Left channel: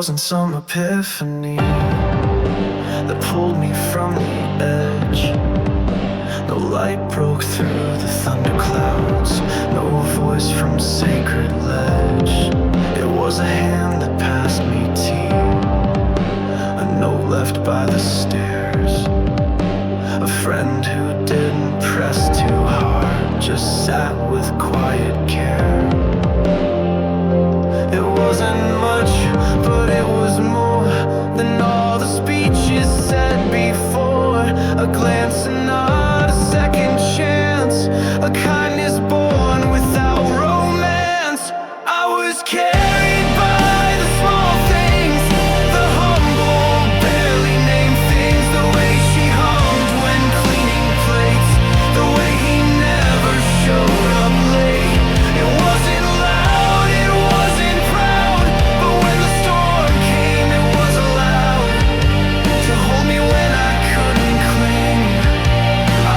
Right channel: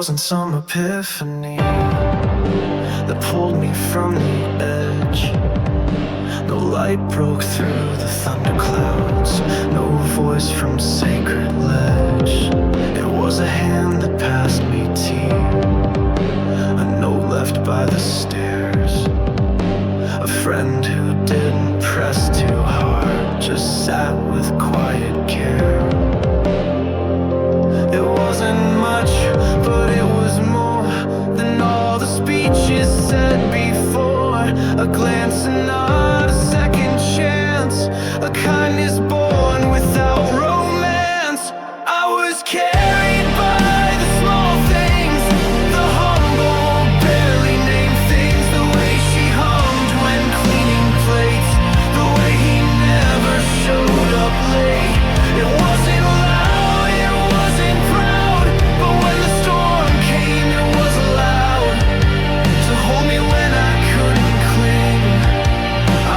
wasn't some epiphany that pulled me from the edge. No light broke through the thunderclouds, no voice from sacred ledge. It was a hand that passed me tea, a note left by the stairs, a friend who didn't press too hard, just sat with quiet care. It wasn't much, but it was more than all the speeches said before. A glance and not a second chance, a kindness born without romance. I was carried by the small things, the humble, barely named things. The way she hummed when cleaning plates, the way he never showed up late. It wasn't loud, it wasn't proud, but when the storm came it was allowed to hold me when I couldn't cling.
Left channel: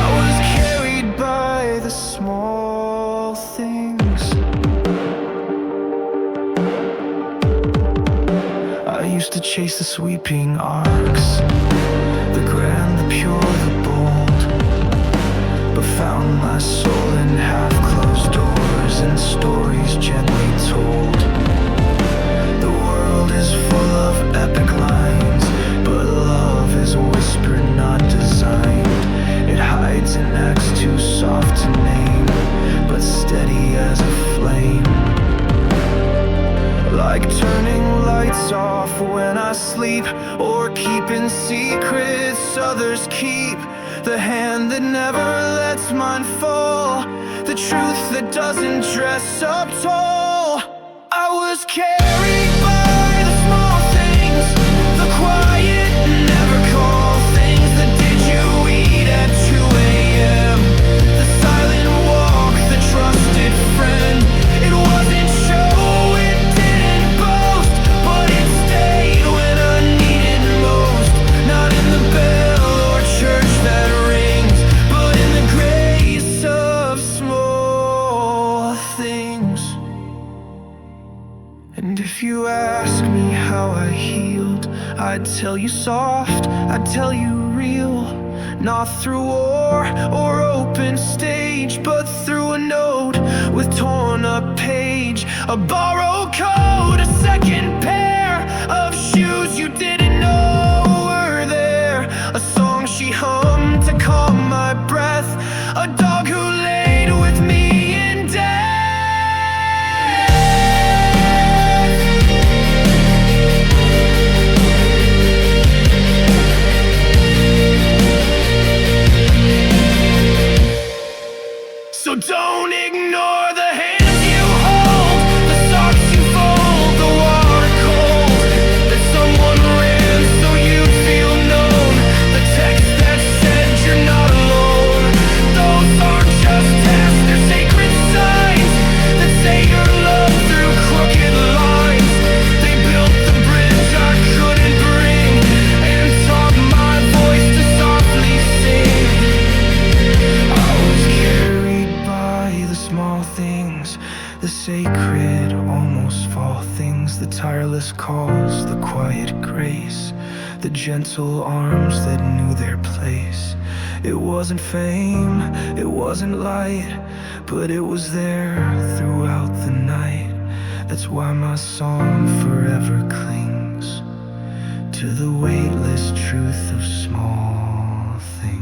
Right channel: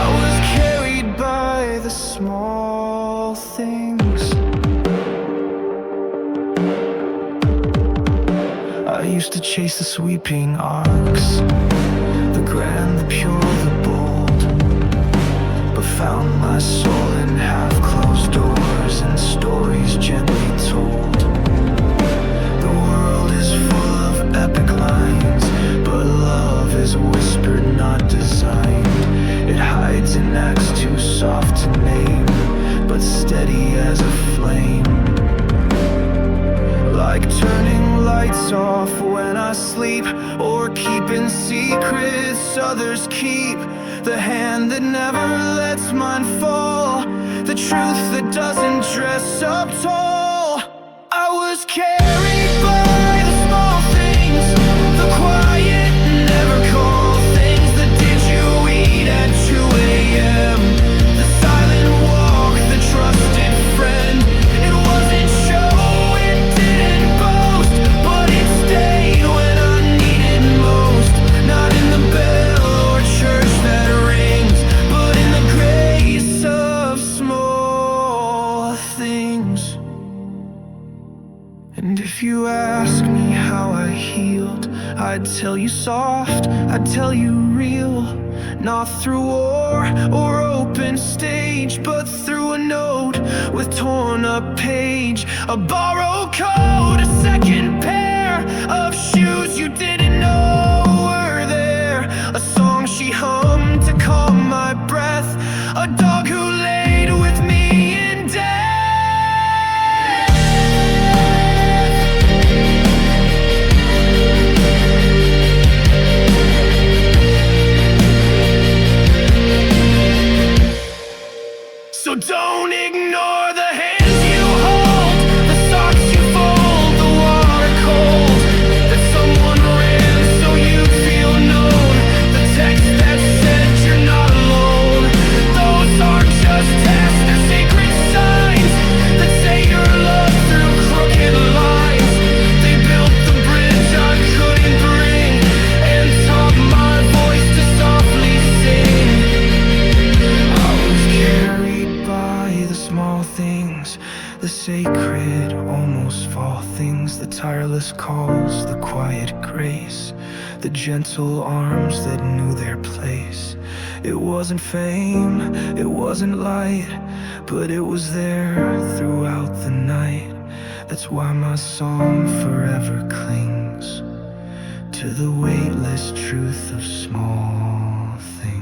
I was carried by the small things. I used to chase the sweeping arcs, the grand, the pure, the bold, but found my soul in half-closed doors and stories gently told. The world is full of epic lines, but love is whispered, not designed. It hides in acts too soft to name, but steady as a flame. Like turning lights off when I sleep, or keeping secrets others keep. The hand that never lets mine fall, the truth that doesn't dress up tall. I was carried by the small things, the quiet, never call things. The did you eat at 2 a.m., the silent walk, the trusted friend. It wasn't show, it didn't boast, but it stayed when I needed most. Not in the bell or church that rings, but in the grace of small things. And if you ask me how I healed, I'd tell you soft, I'd tell you real. Not through war or open stage, but through a note with torn up page, a borrowed coat, a second pair of shoes you didn't know were there, a song she hummed to calm my breath, a dog who laid with me in death. So don't ignore the hands you hold, the socks you fold, the water cold, that someone ran so you'd feel known, the text that said you're not alone. Those aren't just tests, they're sacred signs that say you're loved through crooked lines. They built the bridge I couldn't bring and taught my voice to softly sing. I was carried by the small things, the sacred, almost fall things, the tireless calls, the quiet grace, the gentle arms that knew their place. It wasn't fame, it wasn't light, but it was there throughout the night. That's why my song forever clings to the weightless truth of small things.